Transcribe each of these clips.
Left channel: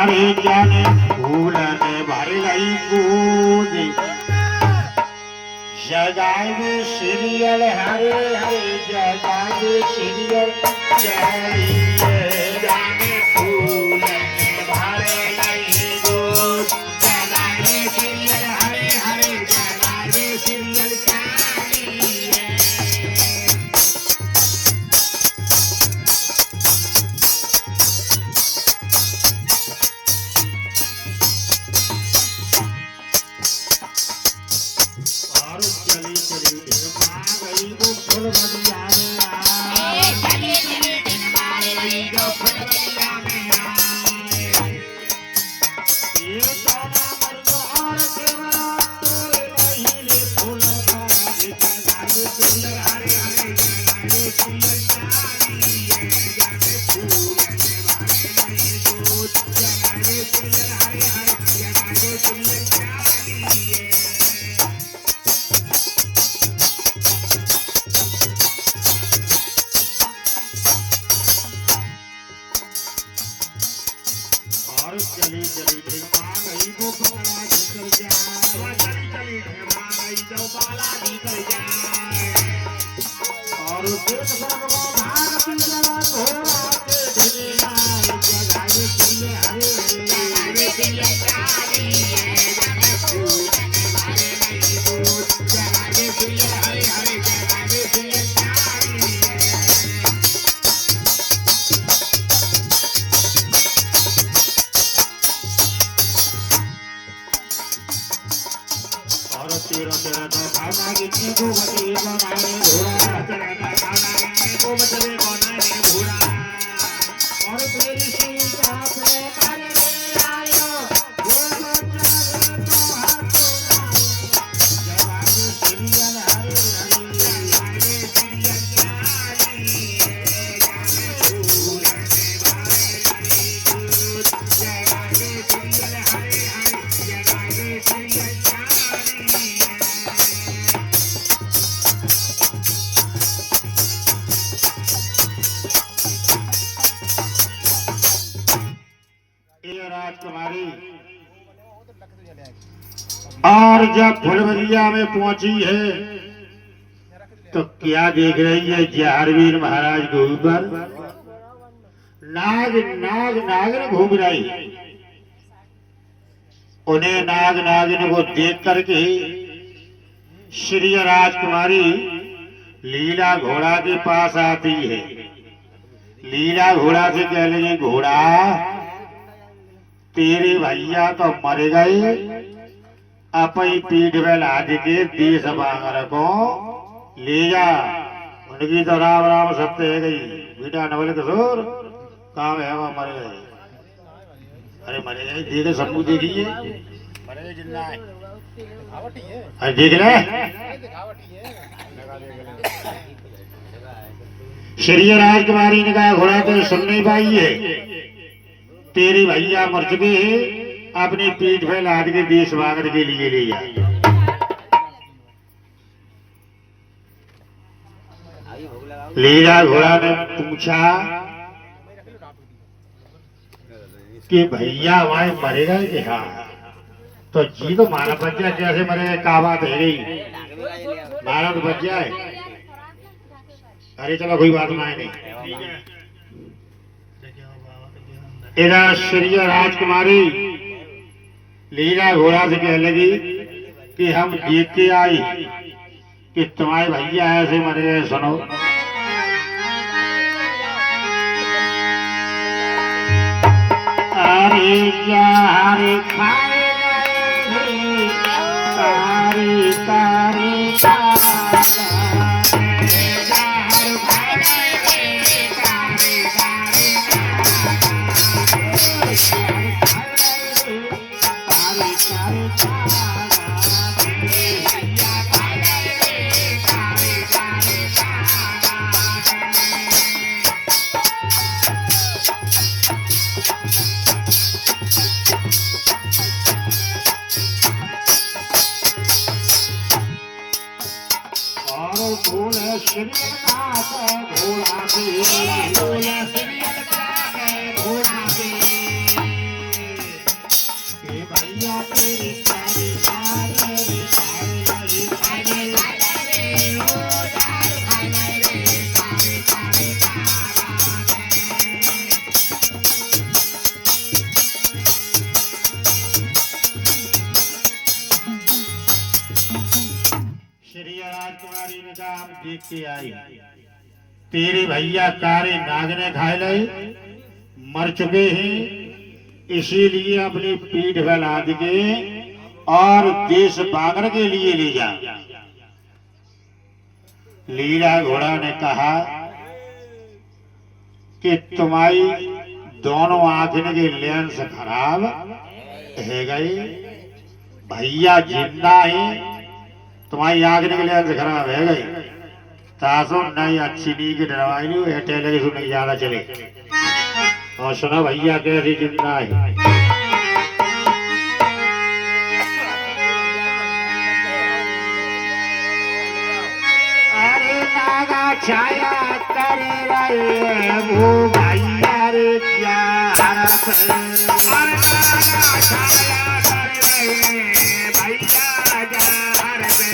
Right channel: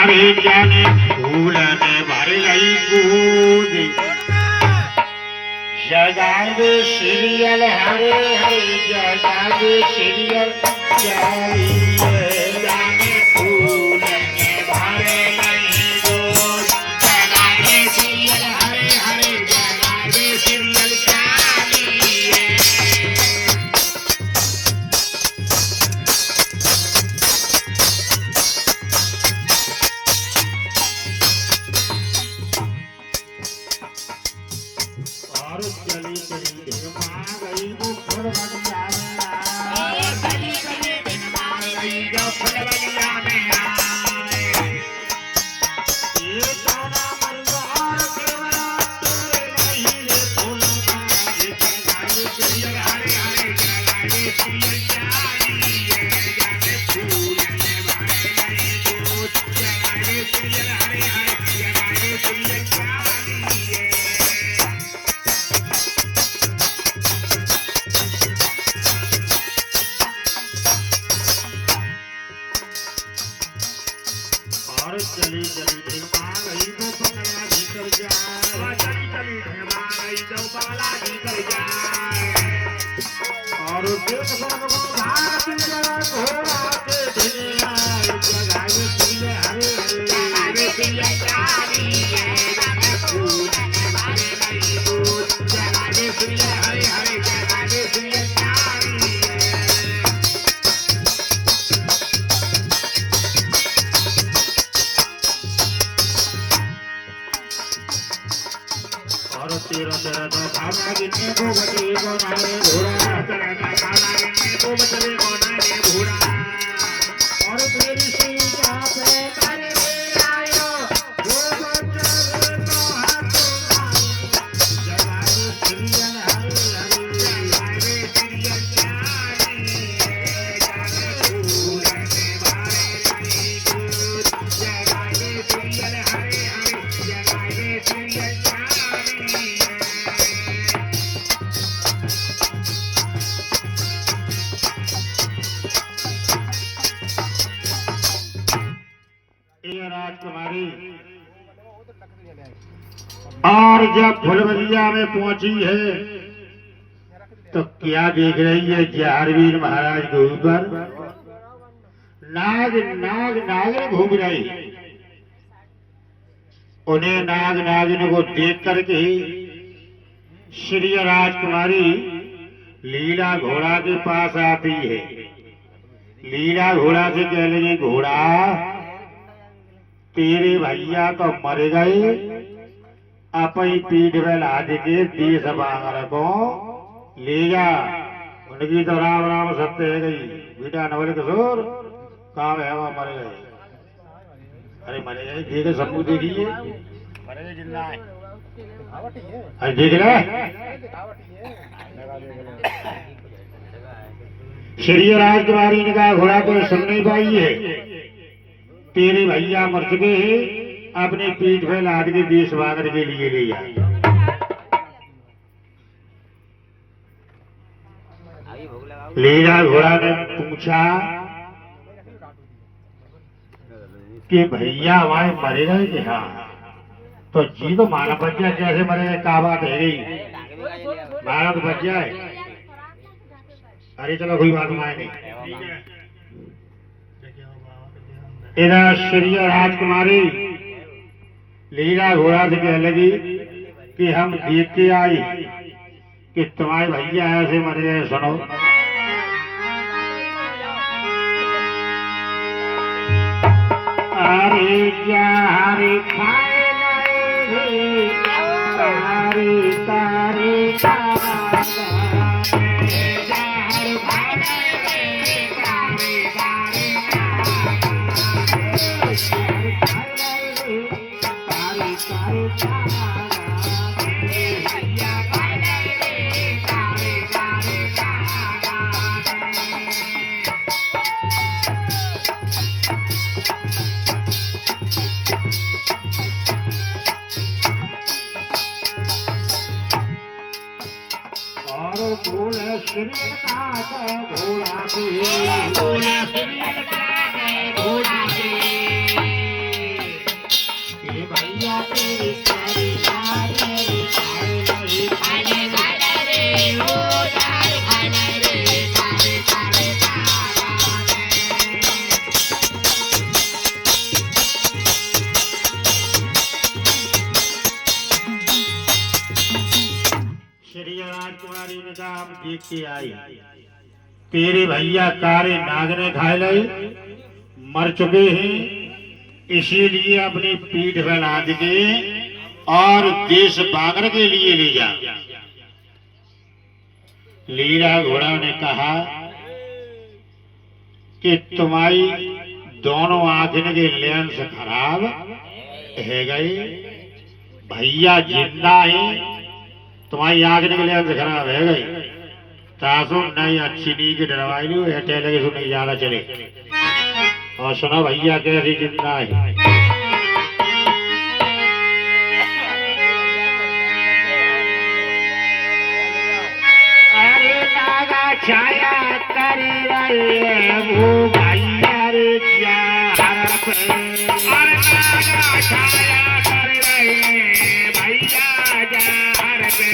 अरे जाने फूल ने भर गई कूद जगावे सीरियल हरे हरे जगावे सीरियल चलिए जाने फूल ने भर गई कूद जगावे सीरियल हरे हरे जगावे सीरियल चलिए चली चली ढमा गई वो फुलवरिया में आए चली चली ढमा गई जो फुलवरिया में आए ये ताना मरवार देवरा तोरे नहीं रे फूलों का ये जगावे सीरियल हरे हरे जगावे सीरियल चलिए जाने फूल ने भर गई दूध जगावे सीरियल हरे हरे जगावे सीरियल चलिए चली चली ढमा गई वो बाला भीतर जाए चली चली ढमा गई जो बाला भीतर जाए और देख भगवान भारती जगह घोड़ा के ढेरे आए जगावे सीरियल हरे जगावे सीरियल चलिए जाने फूल ने भर गई दूध जगावे सीरियल हरे हरे जगावे सीरियल चलिए तेरा तेरा तो भावना गिनने को बचे बनाने घोड़ा तेरा तो भावना गिनने को बचे बनाने घोड़ा और तेरी सीता पे कर ले आयो वो बच्चा तो हाथ जगावे सीरियल हरे हरे जगावे सीरियल चलिए जाने फूल ने भर गई दूध जगावे सीरियल हरे हरे जगावे सीरियल राजकुमारी और जब फुलवरिया में पहुंची है तो क्या देख रही है जहारवीर महाराज के ऊपर नाग नाग नागिन घूम रही उन्हें नाग नागिन को देख करके श्री राजकुमारी लीला घोड़ा के पास आती है लीला घोड़ा से कह लगी घोड़ा तेरे भैया तो मर गए अपनी पीठ में लाद के देश बांगर को ले जा उनकी तो राम राम सत्य है गई बेटा नवल किशोर कहाँ है वो मर गए अरे मर गए देखे सबको देखिए मर गए जिंदा है अरे देख रहे श्री राजकुमारी ने कहा घोड़ा तो सुन नहीं पाई है तेरे भैया मर चुके हैं अपने पीठ पे लाद के देश बांगर के लिए ले जा लीला घोड़ा ने पूछा कि भैया हमारे मरेगा ही क्या तो जी तो मानव बच्चा कैसे मरेगा क्या बात है गई मानव बच्चा है अरे चलो कोई बात नहीं इधर श्री राजकुमारी लीला घोड़ा से कह लगी कि हम देख के आई कि तुम्हारे भैया ऐसे मरे गए सुनो अरे यारे खाए नहीं तारे तारे काम देख के आई। तेरे भैया कारे नाग ने खा लए, मर चुके हैं, इसीलिए अपनी पीठ पर लाद के और देश बागर के लिए ले जा। लीला घोड़ा ने कहा कि तुम्हारी दोनों आंखें के लेंस खराब है गए, भैया जिंदा है, तुम्हारी आंखें के लेंस खराब है गए, तासो नहीं अच्छी नी की डरवाई नहीं टेलीविजन नहीं ज्यादा चले। और सुना भैया कैसे जिंदा है। अरे नागा छाया कर रहे वो भैया रे क्या छाया कर रहे भैया जा रे।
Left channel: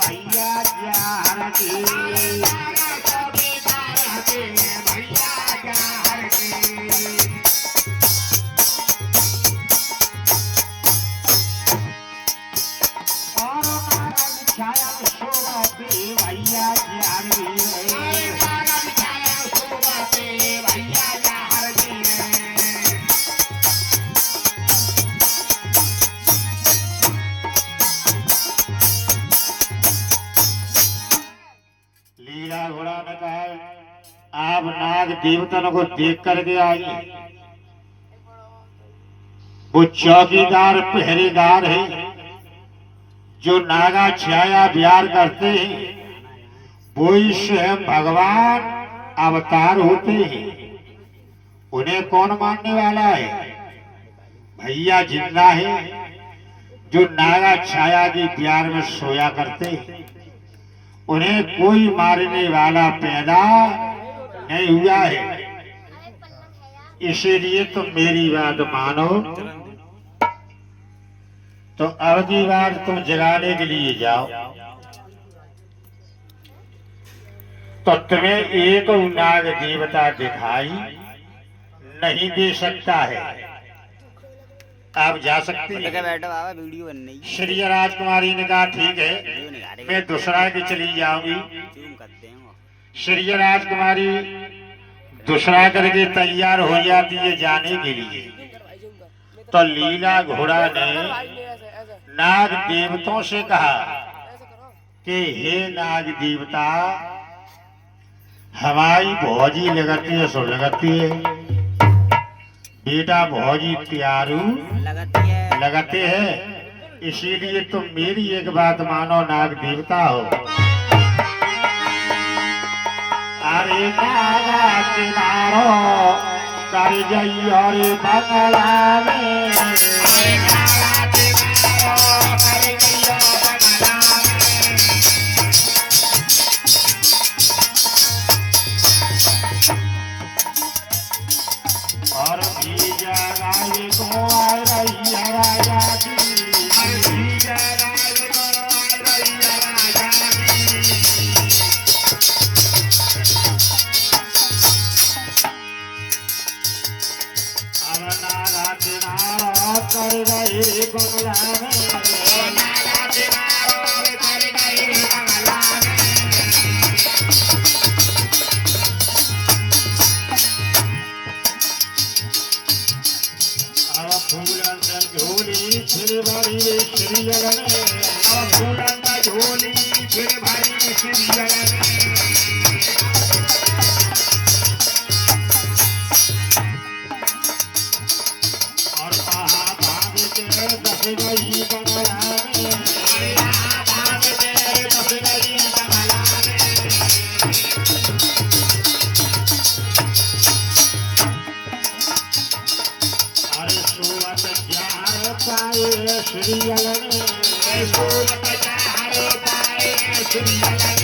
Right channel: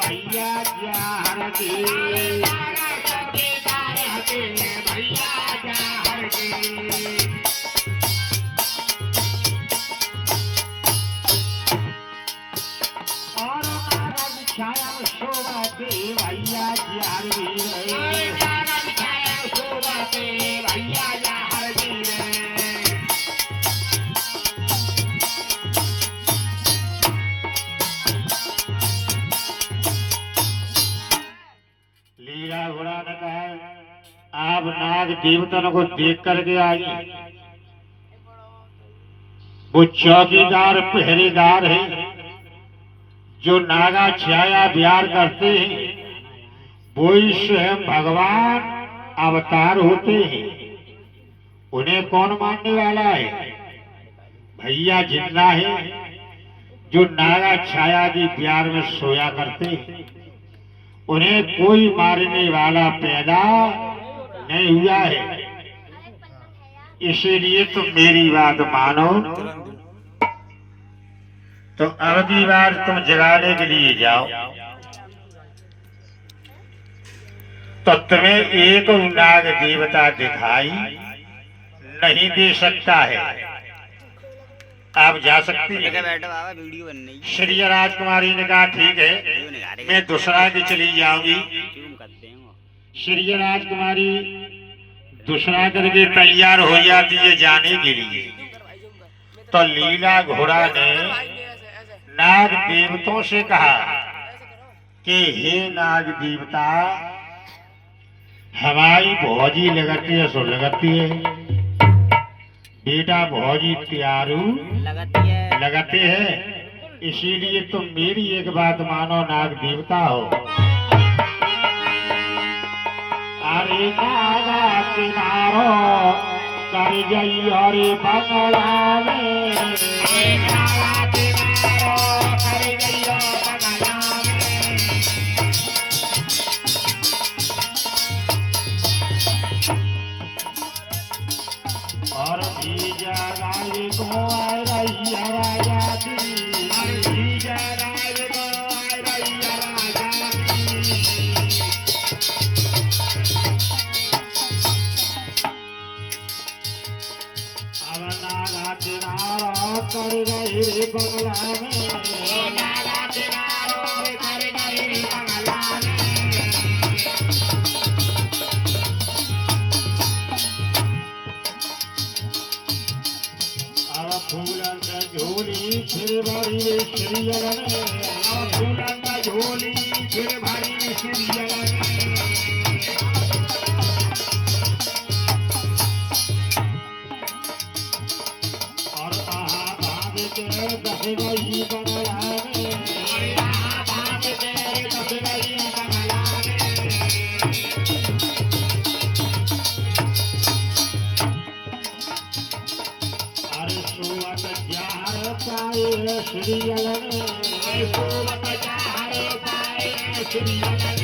भैया जार के भैया जार के और छाया शोभा पे भैया जार शोभा पे भैया जार लीला घोड़ा ने कहा आप नाग देवतन को देख करके आई। वो चौकीदार पहरेदार है जो नागा छाया बिहार करते हैं, वो ही स्वयं भगवान अवतार होते हैं। उन्हें कौन मानने वाला है? भैया जिंदा है जो नागा छाया की प्यार में सोया करते हैं, उन्हें कोई मारने वाला पैदा नहीं हुआ है। इसीलिए तुम मेरी बात मानो तो अगली बार तुम जगाने के लिए जाओ तो तुम्हें एक नाग देवता दिखाई नहीं दे सकता है। आप जा सकती हैं। वीडियो बन रही है। श्री राजकुमारी ने कहा ठीक है, मैं दूसरा की चली जाऊंगी। श्री राजकुमारी दूसरा करके तैयार हो जाती है जाने के लिए। तो लीला घोड़ा ने नाग देवताओं से कहा कि हे नाग देवता, हमारी भौजी लगती है सो लगती है, बेटा भौजी प्यारू लगते हैं, इसीलिए तुम मेरी एक बात मानो नाग देवता हो। अरे नागा किनारो कर जाई और बंगला में, और भी जगाए को आ रही है राजा की, और भी जगाए को आ रही है राजा की। अब नागा किनारो कर रही बंगला में, नागा किनारो कर रही बंगला में। फूलन झोली फिर भरी श्रीजन में, फूलन झोली फिर भरी श्रीजन में। और कहा भाग के दस गई बंगला में, भाग के दस गई बंगला में। अरे सूरत जार पाए श्रीजन में, सूरत जार पाए श्रीजन में।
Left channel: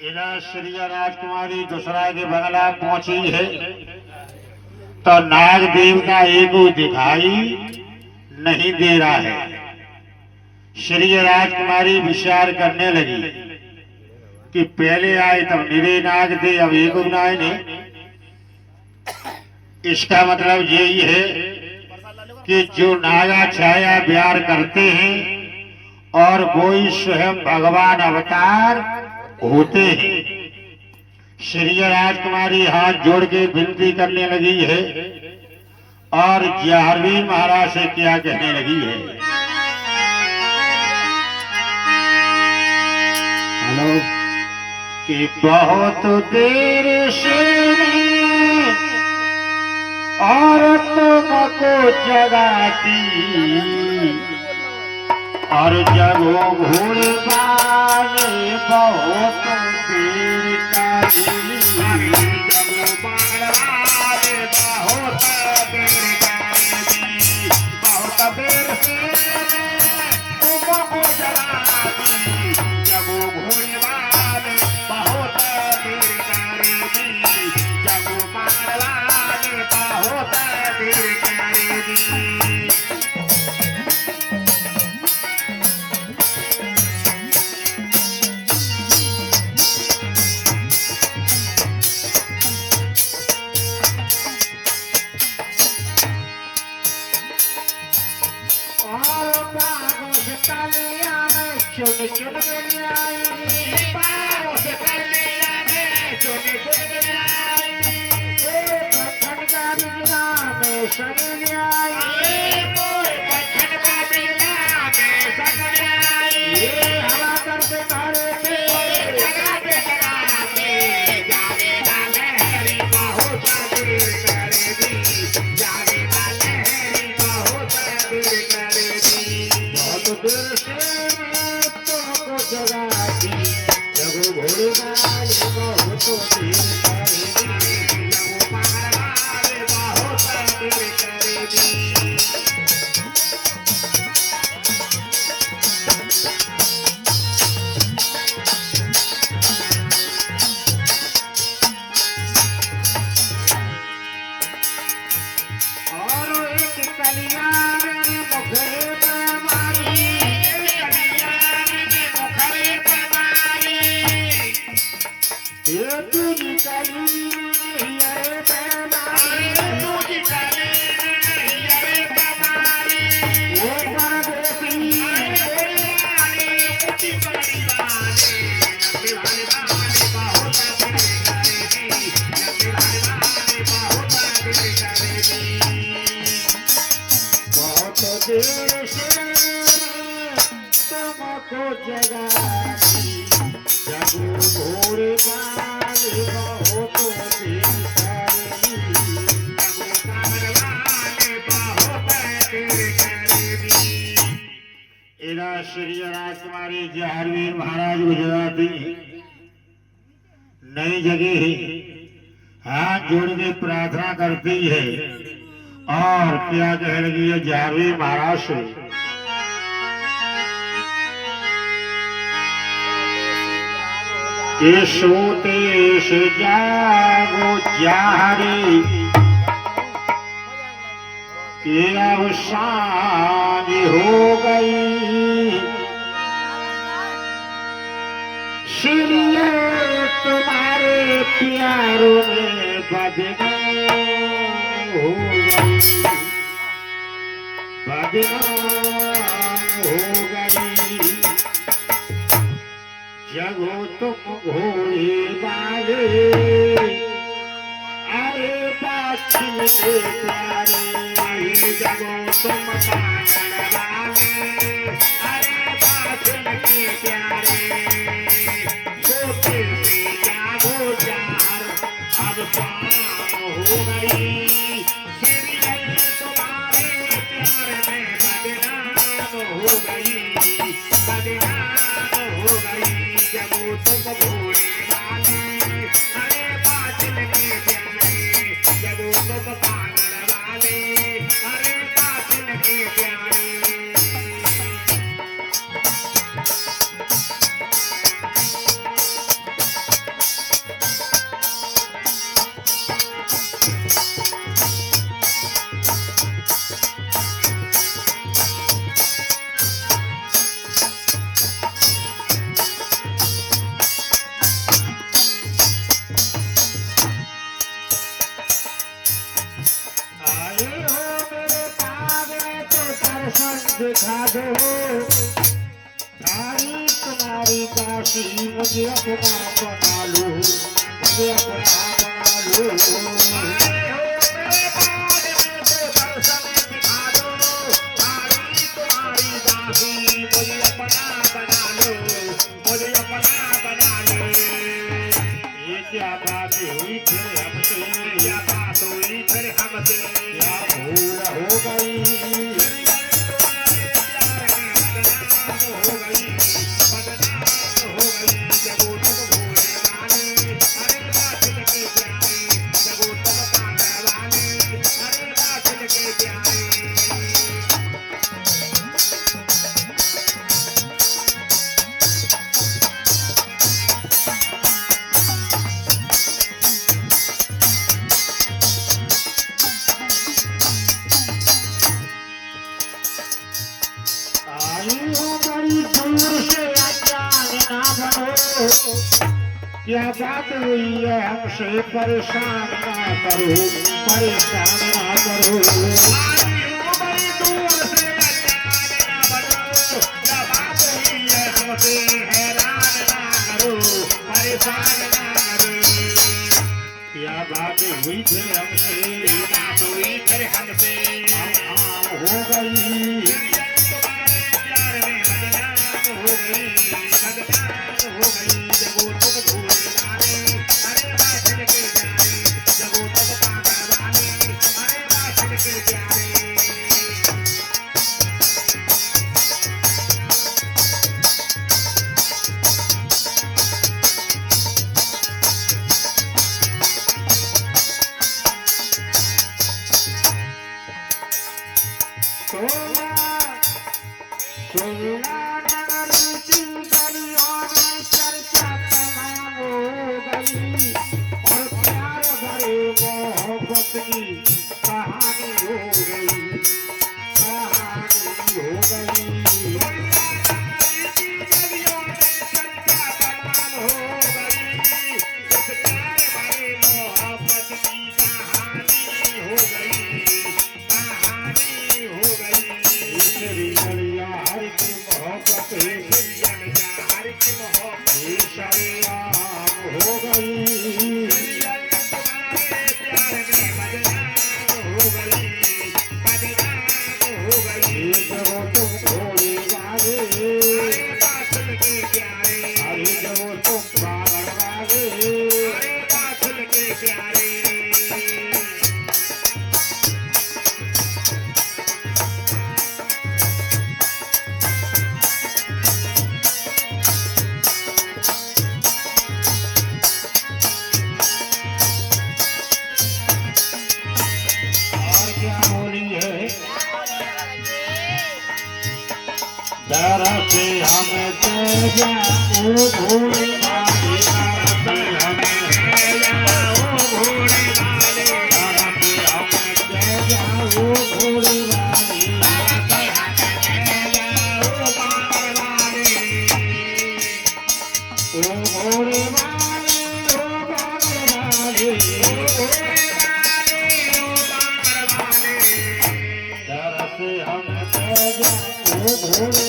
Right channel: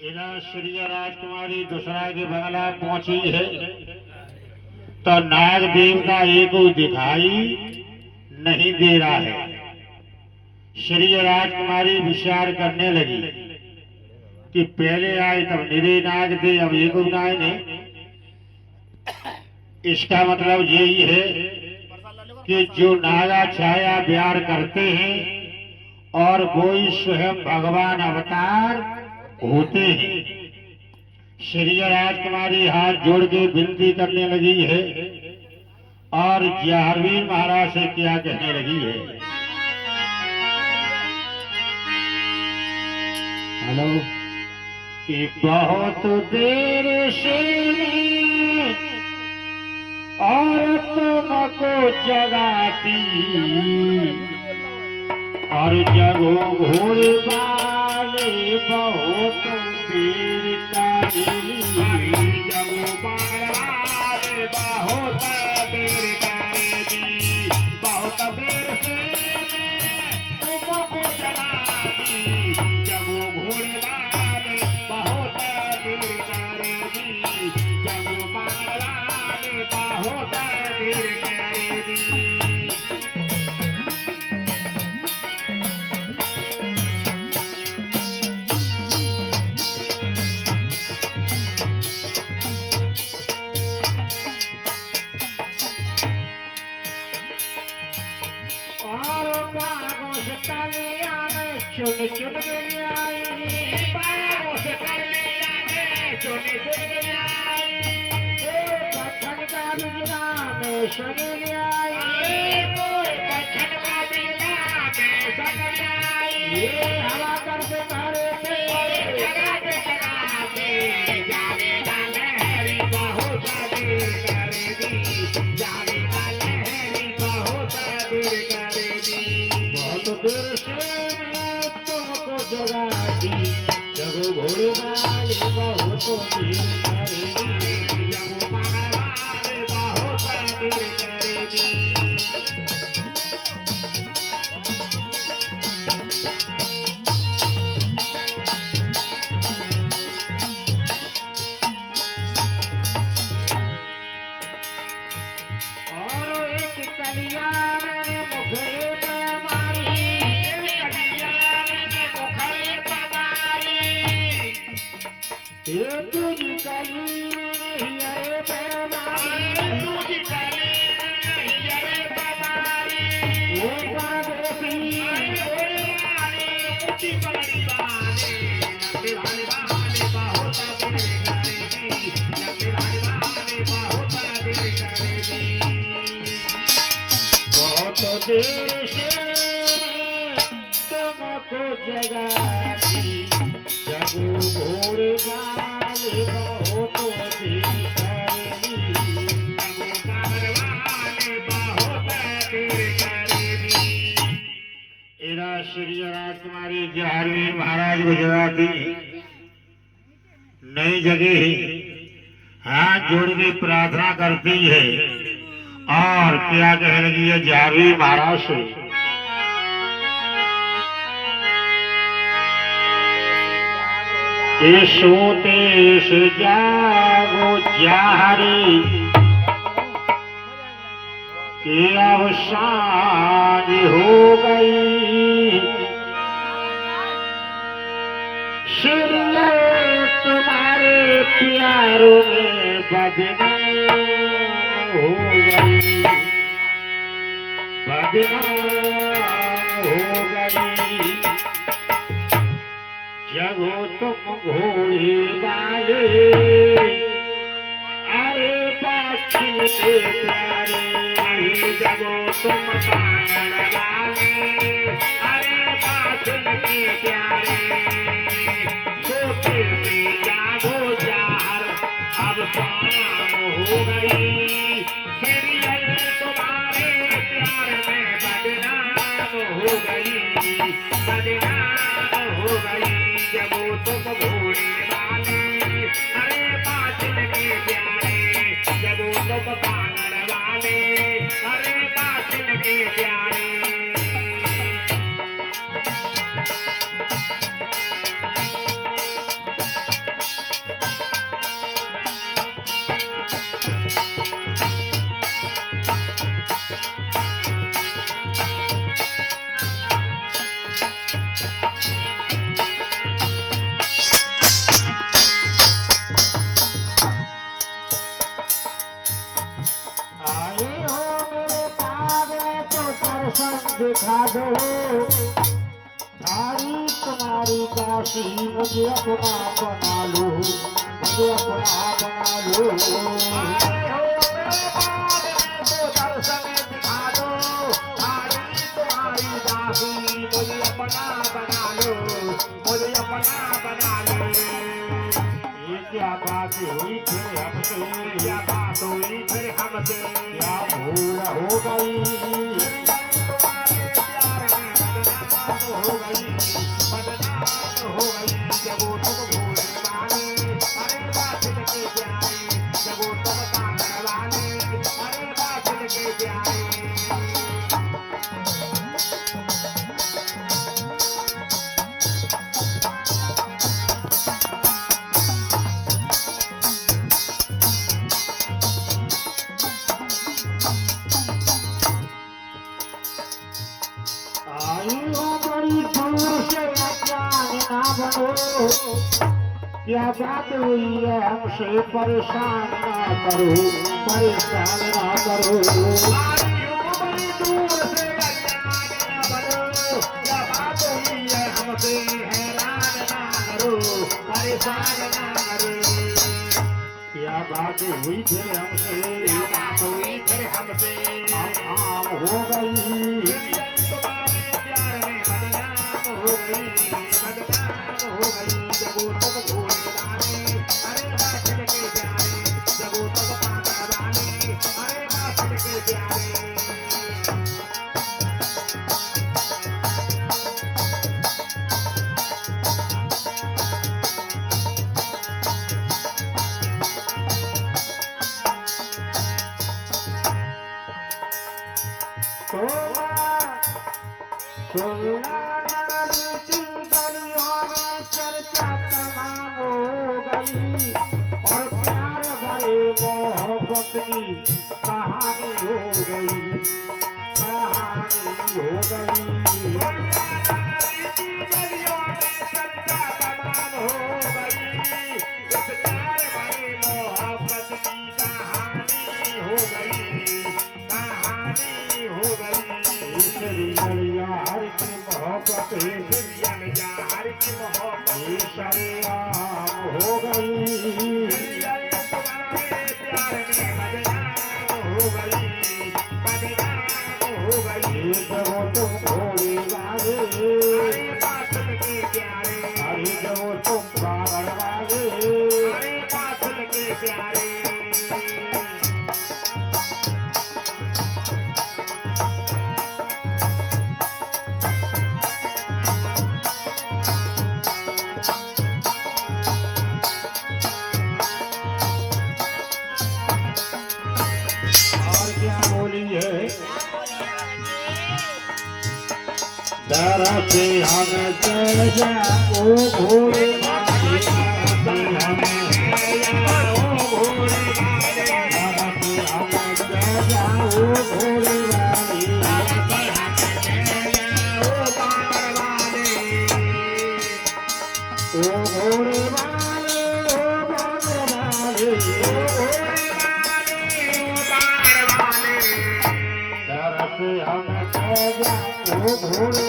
इधर श्री राजकुमारी दूसरा के बंगला पहुंची है तो नाग देव का एक दिखाई नहीं दे रहा है। श्री राजकुमारी विचार करने लगी कि पहले आए तब निरे नाग थे, अब एक गुनाए ने। इसका मतलब यही है कि जो नागा छाया प्यार करते हैं और वो ही स्वयं भगवान अवतार होते हैं। श्री राजकुमारी हाथ जोड़ के विनती करने लगी है और जाहरवीर महाराज से क्या कहने लगी है। हेलो, कि बहुत देर से औरतों को जगाती और जब वो भूल पाने बहुत देर करी, जब बाड़वाले बहुत देर करी, बहुत देर से तुमको जगाती, जब वो भूल पाने बहुत देर करेगी, जब बाड़वाले बहुत देर करेगी। देर से तुमको जगाती, जब भोर वाले बहुत देर करेगी, जब वाले बहुत देर करेगी। एरा श्री राजकुमारी जाहरवीर महाराज को जगाती, नई जगह हाथ जोड़ के प्रार्थना करती है और क्या कह लगी है जाहरवीर महाराज से। ये सोते से जागो जारी, के अब सांझ हो गई, श्री तुम्हारे प्यारों में बदनाम हो गई, बदनाम हो गई। जगो तुम घोड़े वाले, अरे बाछी के प्यारे, जगो तुम पागल वाले, अरे बाछी के प्यारे, सोते से जागो जार, अब शाम हो गई, तुम्हारे प्यार में बदनाम हो गई, बदनाम हो गई। जब तुम घोड़े वाले, अरे बादल के प्यारे, जब तुम पागल वाले, अरे बादल के प्यारे। दिखा दो थारी तुम्हारी काशी मुझे अपना बना लो मुझे अपना बना लो दर्शन दिखा दो थारी तुम्हारी काशी मुझे अपना बना लो मुझे अपना बना लो ये क्या बात हुई फिर हमसे क्या बात हुई फिर हमसे क्या भूल हो गई हो गई बदनाम हो गई जब वो तुम भूले वाले अरे बात के प्यारे जब वो तुम पागल वाले अरे बात के प्यारे क्या बात हुई है हमसे परेशान ना करो परेशान ना करो बड़ी दूर से क्या बात हुई है हमसे हैरान ना करो परेशान ना करो क्या बात हुई फिर हमसे बात हुई फिर हमसे आम हो गई हो गई बदनाम हो गई जब वो तुम भूले वाले अरे बात के प्यारे जब वो तुम पागल वाले अरे बात के प्यारे कहानी हो गई कहानी हो गई दरा से हमें तेजा ओ भोले वाले दरा से हमें भोले वाले दरा से हमें तेजा ओ भोले वाले दरा से तेजा ओ बाबर वाले ओ भोले वाले ओ बाबर वाले ओ भोले वाले ओ बाबर वाले दरा से हमें तेजा ओ भोले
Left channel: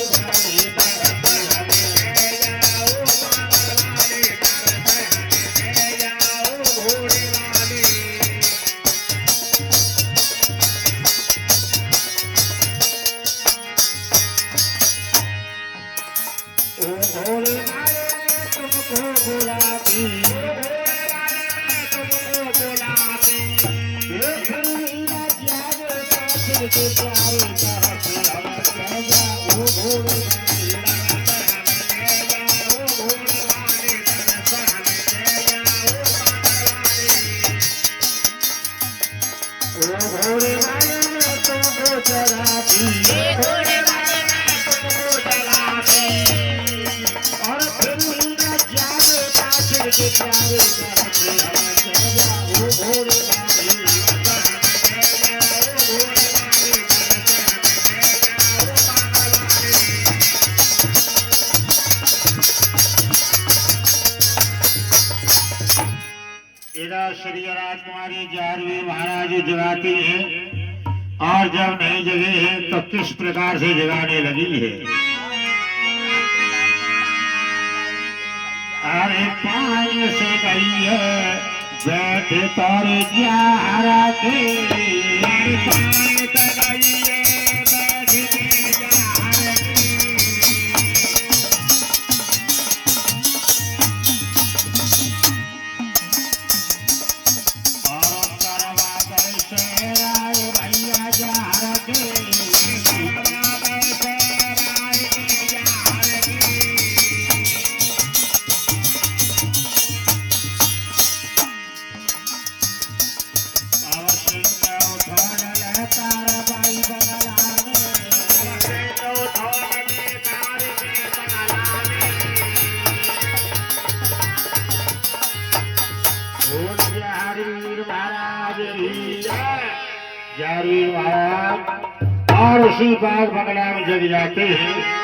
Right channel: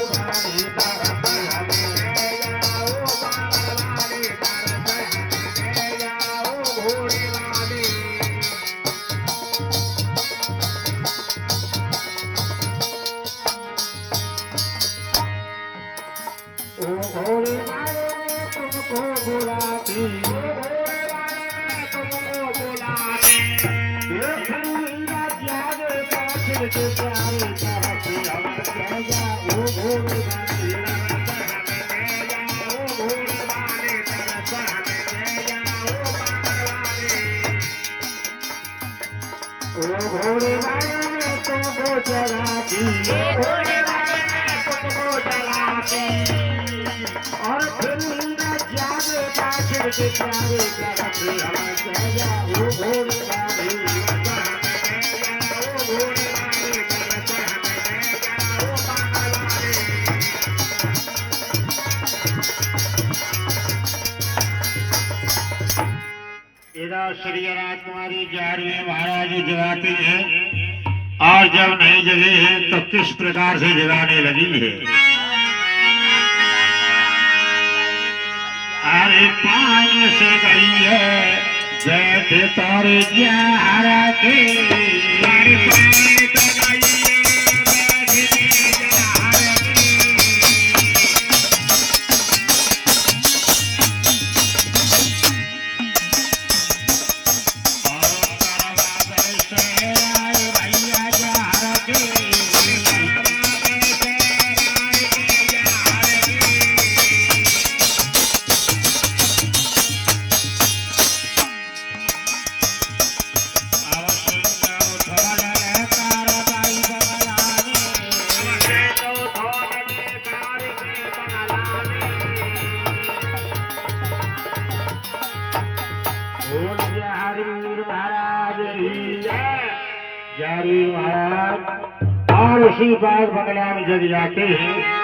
श्री राजकुमारी जारवे महाराज जगाती है और जब नहीं जगे है तो किस प्रकार से जगाने लगी है। अरे पानी से गई है बैठे तौर जा के, अरे पानी से गई है बैठे जा के। और करवा से आए भैया जा के, महाराज और उसी बाग बंगला में जग जाते हैं।